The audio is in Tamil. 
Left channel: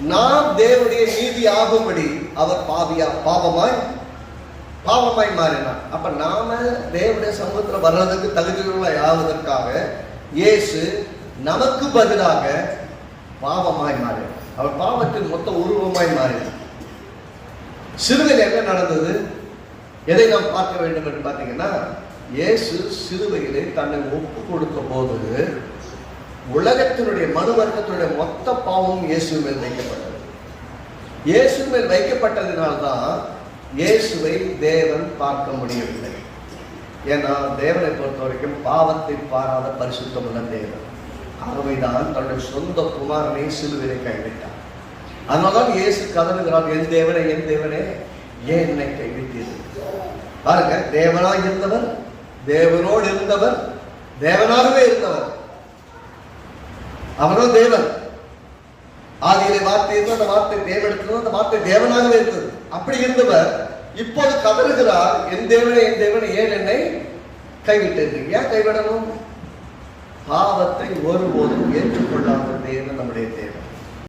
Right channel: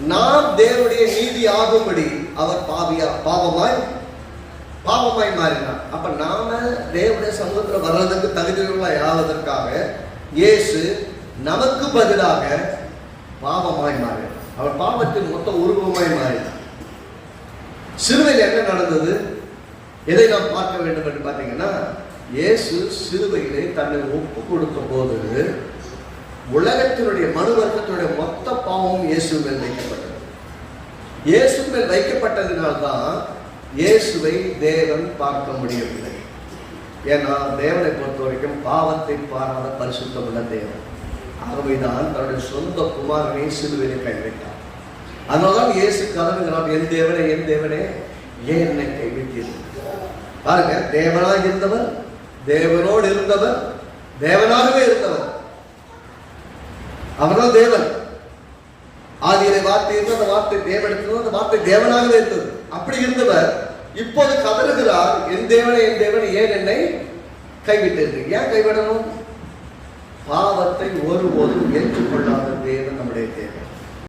நாம் தேவனுடைய நீதி ஆகும்படி அவர் பாவியா பாவமாய் பாவமாய் மாறினார். அப்ப நாம தேவனுடைய சமூகத்தில் வர்றதுக்கு தகுதியுள்ள ஆவதற்காக இயேசு நமக்கு பதிலாக பாவமாய் மாறினார். அவர் பாவத்தின் மொத்த உருவமாய் மாறினார். சிறுவையில் என்ன நடந்தது? எதை நாம் பார்க்க வேண்டும் என்று பார்த்தீங்கன்னா இயேசு சிறுவையிலே தன்னை ஒப்பு கொடுத்த போது உலகத்தினுடைய மனு வர்க்கத்தினுடைய மொத்த பாவமும் இயேசு மேல் வைக்கப்பட்டது. இயேசு மேல் வைக்கப்பட்டதினால்தான் இயேசுவை தேவன் பார்க்க முடியவில்லை. ஏன்னா தேவனை பொறுத்த வரைக்கும் பாவத்தை பாராத பரிசுத்தமுள்ள தேவன். ஆகவேதான் தன்னுடைய சொந்த குமாரனை சிலுவையிலே கைவிட்டார் அதனால்தான் இயேசு கதறுகிறார் என் தேவனே என் தேவனே ஏன் என்னை கைவிட்டீர்கள்? பாருங்க தேவனாக இருந்தவர் தேவனோடு இருந்தவர் தேவனாகவே இருந்தவர். அவர்தான் தேவன். ஆதியிலே வார்த்தை இருந்தது அந்த வார்த்தை தேவனிடத்தில் அந்த வார்த்தை தேவனாகவே இருந்தது. அப்படி இருந்தவர் இப்போது கதறுகிறார் என் தேவனை என் தேவன் ஏன் என்னை கைவிட்டது ஏன் கைவிடணும்? பாவத்தை ஒருபோதும் ஏற்றுக்கொள்ளாத தேவன் நம்முடைய தேவன்.